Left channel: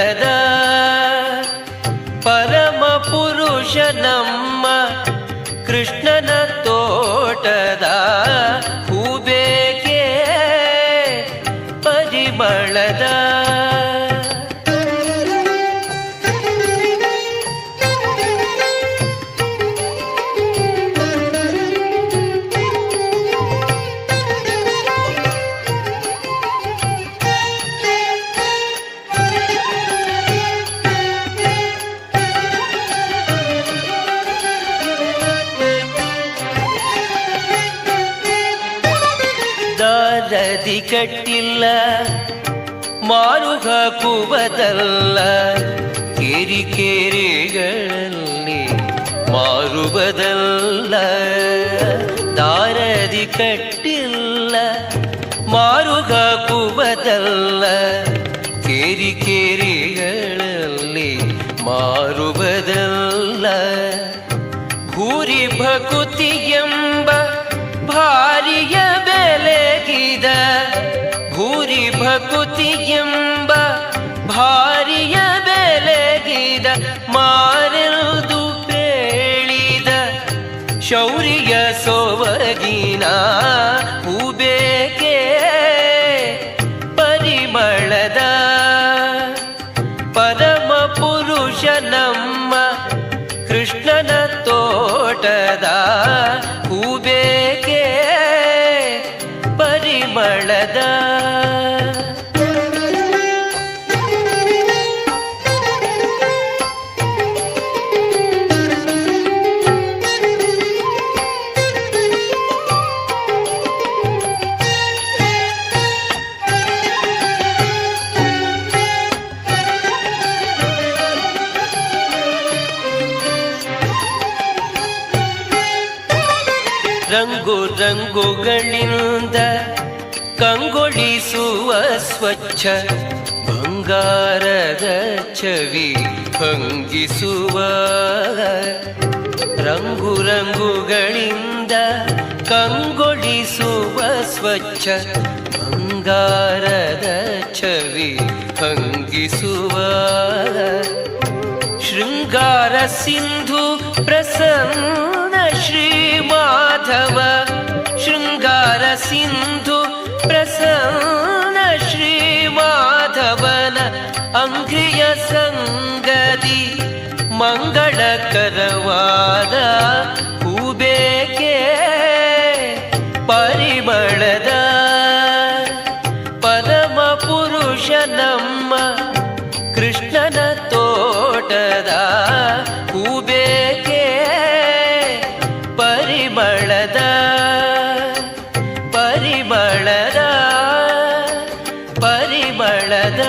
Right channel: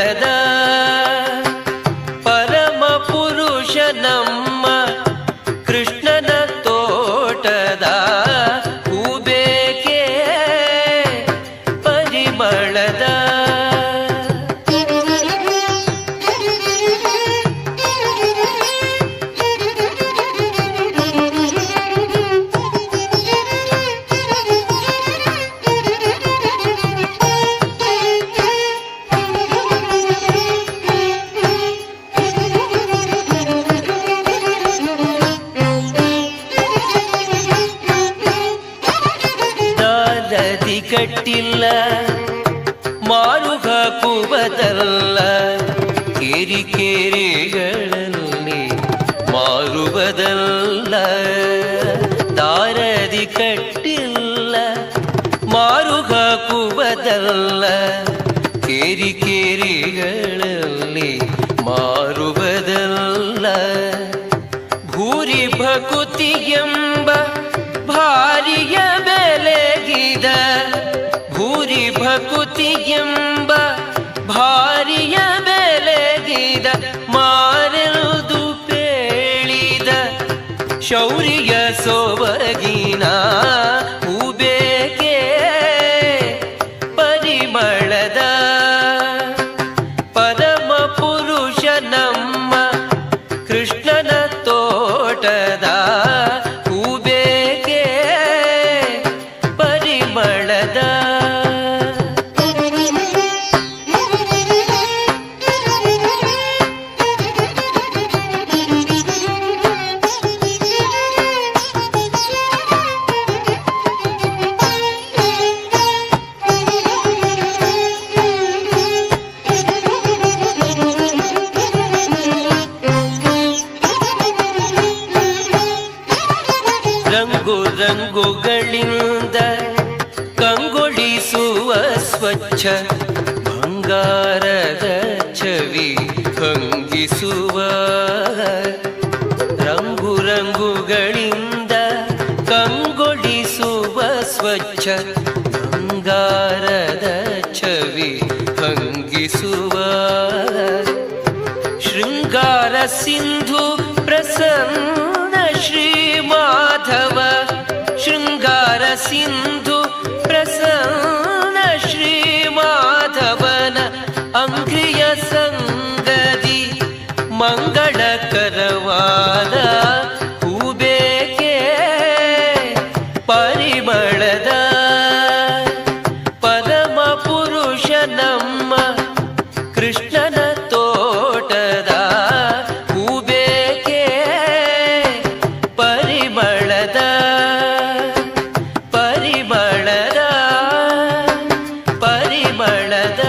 ಪರಿಮಳದ ಪರಮ ಪುರುಷ ನಮ್ಮ ಕೃಷ್ಣನ ತೋಟದ ಹೂಬೇಕೆ ಪರಿಮಳದ ದಾರದಿ ಕಟ್ಟಿಲ್ಲ ಮಾರುಗ ಕುಬದಲ್ಲ ಕೇರಿಕೆರೆಗಳಲ್ಲಿ ಮಾರುಬದಲ್ಲ ದಾರದಿ ಕಟ್ಟಿಲ್ಲ ಮಾರುಗ ಕುಬದಲ್ಲ ಕೇರಿಕೆರೆಗಳಲ್ಲಿ ಮಾರುಬದಲ್ಲ ಭೂರಿ ಭಕುತಿ ಎಂಬ ಭಾರಿಯ ಬೆಲೆಗಿದ ಭೂರಿ ಭಕುತಿ ಎಂಬ ಭಾರಿಯ ಬೆಲೆಗಿದ ಮಾರೆದು ಪೇಳಿದ ಶೌರ್ಯ ಸೊಬಗಿನ ಹೂಬೇಕೆ ಪರಿಮಳದ ಪರಮ ಪುರುಷ ನಮ್ಮ ಕೃಷ್ಣನ ತೋಟದ ಹೂಬೇಕೆ ಪರಿಮಳದ ರಂಗು ರಂಗುಗಳಿಂದ ಕಂಗೊಳಿಸುವ ಸ್ವಚ್ಛ ಬಂಗಾರದ ಚವಿ ಕಂಗಿಸುವ ರಂಗು ರಂಗುಗಳಿಂದ ಕಂಗೊಳಿಸುವ ಸ್ವಚ್ಛ ಬಂಗಾರದ ಚವಿ ಕಂಗಿಸುವ ಶೃಂಗಾರ ಸಿಂಧು ಪ್ರಸನ್ನ ಶ್ರೀ ಮಾಧವ ಶೃಂಗಾರ ಸಿಂಧು ಪ್ರಸನ್ನ ಶ್ರೀ ಮಾಧವನ ಅಂಗ್ರಿಯ ಸಂಗದಿ ಮಂಗಳಕರವಾದ ಹೂಬೇಕೆ ಪರಿಮಳದ ಪರಮ ಪುರುಷ ನಮ್ಮ ಕೃಷ್ಣನ ತೋಟದ ಹೂಬೇಕೆ ಪರಿಮಳದ ಪರಿಮಳದ ಪರಿಮಳದ